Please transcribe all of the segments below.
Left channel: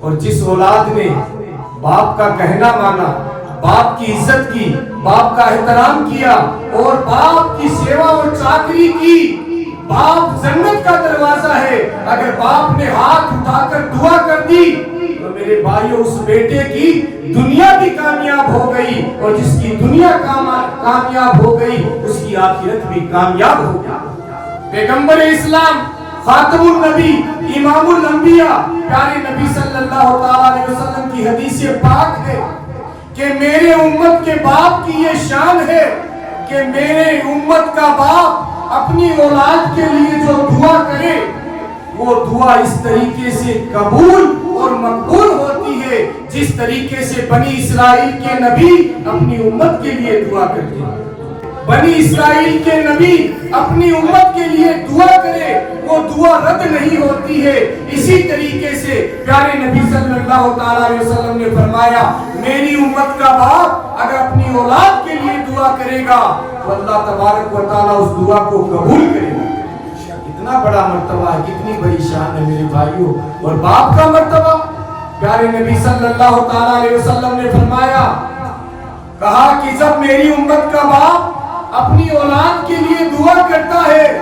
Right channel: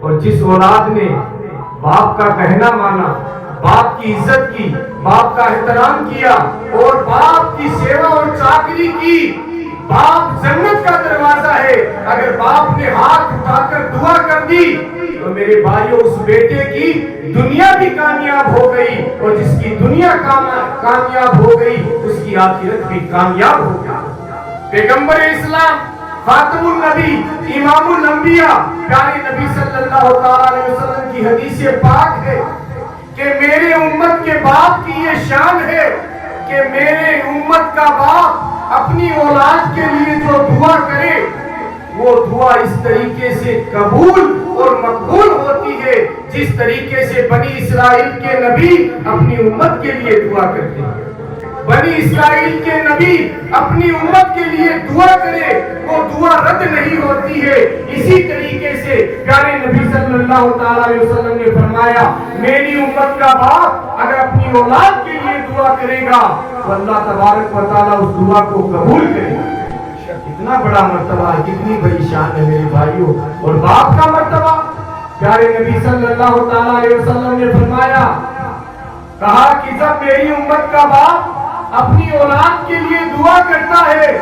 اور جس اولاد نے باپ کا کہنا مانا، باپ کی عزت کی، باپ کا احترام کیا اور باپ کی سیوا اور چاکری کی، باپ جنت کا دروازہ ہے۔ اگر باپ نے ہاتھ اٹھا کر دعا کر دی تو میرے بھائیوں اس بیٹے کی دنیا بھی کامیاب ہو گئی، اور جس کی دنیا کامیاب ہو گئی اس کی آخرت بھی کامیاب ہو گئی۔ پیغمبر اسلام، خاتم النبی، امام الانبیاء، پیارے نبی صلی اللہ علیہ وسلم کی حدیث پاک ہے کہ میرے امت کے باپ کی یہ شان ہے کہ میرے امت کا باپ اپنی اولاد کے لیے جو دعا کرے وہ دعا اس طریقے سے قبول اور مقبول ہوتی ہے جس طریقے سے بنی اسرائیل کے نبی اپنی امت کے لیے دعا کرتے ہیں۔ بنی اسرائیل کے نبی اپنی امت کے لیے دعا کرے وہ دعا رد نہیں ہوتی ہے۔ اسی طریقے سے پیارے نبی صلی اللہ علیہ وسلم نے فرمایا میری امت کا باپ اگر اپنی اولاد کے لیے دعا کرے گا تو اللہ تبارک و تعالیٰ اس دعا کو قبول کرے گا۔ کتنا بڑا مرتبہ ہے، کتنی بڑی شان ہے میرے بھائیوں۔ اور باپ کا مرتبہ پیارے نبی صلی اللہ علیہ وسلم نے فرمایا، کہا کہ جب میری امت کا باپ اپنی اولاد کے لیے دعا کرتا ہے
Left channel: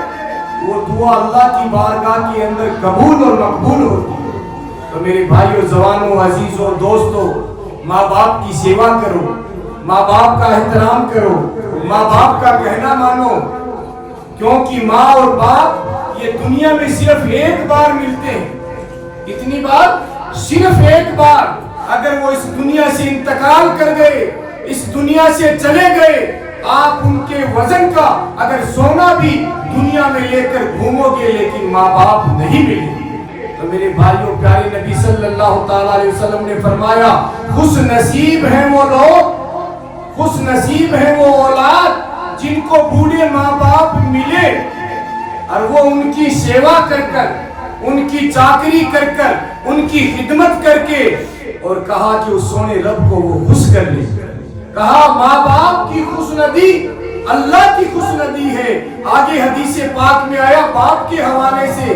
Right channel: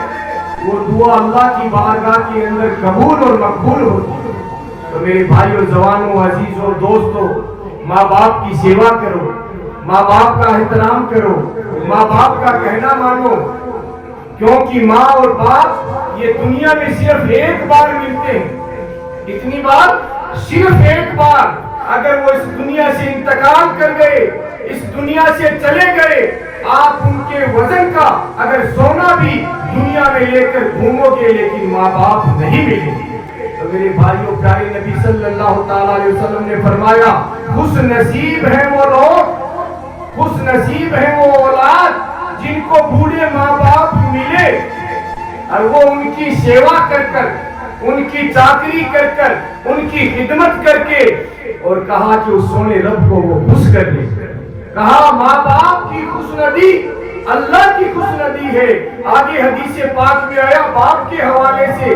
وہ دعا اللہ کی بارگاہ کے اندر قبول اور مقبول ہوتی ہے۔ تو میرے بھائیوں، جوانوں، عزیزوں، دوستوں، ماں باپ کی سیوا کرو، ماں باپ کا احترام کرو، ماں باپ کا کہنا مانو، کیونکہ ماں اور باپ یہ دنیا میں صرف ایک بار ملتے ہیں۔ کتنی بار؟ صرف ایک بار۔ اگر وہ اس دنیا سے انتقال کر گئے، اس دنیا سے چلے گئے، آپ ان کے وزن کا اگر سونا بھی دنیا میں لے کر گھومو گے لیکن ماں باپ نہیں ملیں گے۔ تو میرے بھائیوں، پیارے نبی صلی اللہ علیہ وسلم نے فرمایا خوش نصیب ہیں وہ لوگ، خوش نصیب ہیں وہ اولاد جن کو بوڑھے ماں باپ ملے اور وہ ان کی سیوا کر کر، ان کی چاکری کر کر، ان کی خدمت کر کے، اور کہا کہ اس سونے رب کو وہ خوش کر لے۔ کہا ماں باپ کی خوشندی اللہ کی خوشندی ہے۔ آگے حدیث پاک میں آیا باپ کے حوالے سے،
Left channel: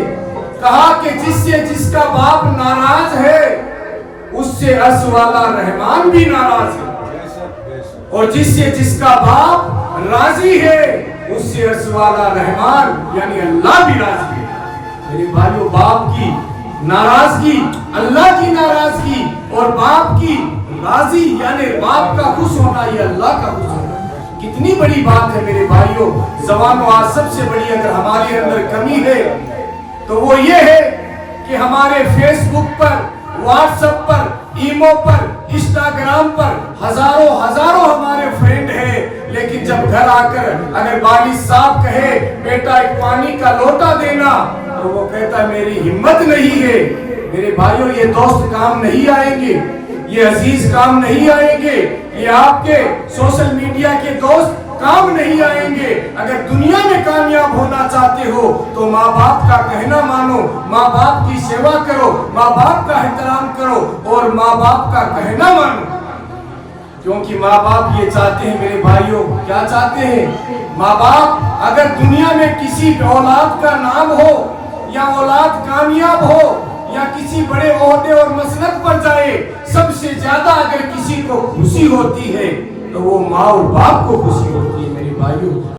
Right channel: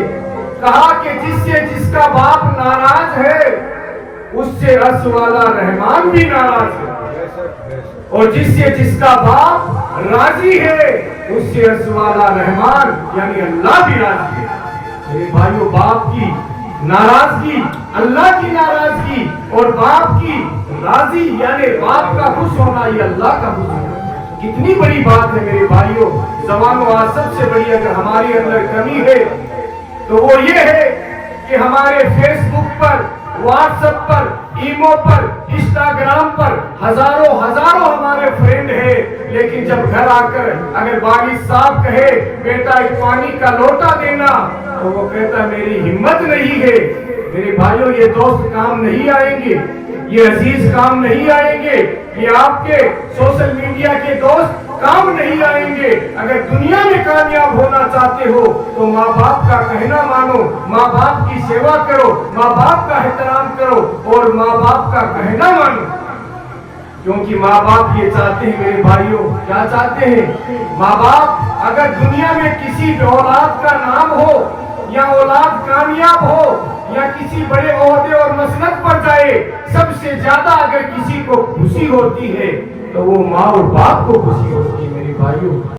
کہا کہ جس کا باپ ناراض ہے اس سے عرش والا رحمان بھی ناراض ہے، اور جس کا باپ راضی ہے اس سے عرش والا رحمان یعنی اللہ بھی راضی ہے۔ میرے بھائیوں، باپ کی ناراضگی اللہ کی ناراضگی اور باپ کی راضی یعنی باپ کا خوش ہونا یہ اللہ کا خوش ہونا کتنی بڑی بات ہے میرے بھائیوں۔ زبانوں، آج سب سے بڑی اگر ہمارے اندر کمی ہے تو وہ یہ ہے کہ ہمارے فیس بک پر، واٹس ایپ پر، ایمو پر، انسٹاگرام پر ہزاروں ہمارے فرینڈ ہیں، لیکن جب گھر آ کر اگر والد صاحب کہے بیٹا ایک پانی کا لوٹا دینا تو وہ کہتا میری ہمت نہیں ہے۔ میرے بھائیوں، یہ دوست کام نہیں آئیں گے، یہ عزیز کام نہیں آئیں گے، یہ آپ کے سوشل میڈیا کے دوست کام نہیں آئیں گے۔ اگر دنیا میں کامیاب ہونا چاہتے ہو تو ماں باپ کا کہنا مانو، ماں باپ کی سیوا کرو، ماں باپ کا احترام کرو اور ماں باپ کا کہنا مانو، کیونکہ ماں باپ یہ چاہتے ہیں میرے بھائیوں، کیا چاہتے ہیں؟ ماں باپ اگر دنیا میں کسی اولاد کا نام ہو یا اولاد کامیاب ہو یا کسی بڑے عہدے اور مسند پر جائے، سب سے زیادہ اگر کسی کو خوشی ہوتی ہے تو وہ ماں اور باپ کو خوشی ہوتی ہے میرے بھائیوں۔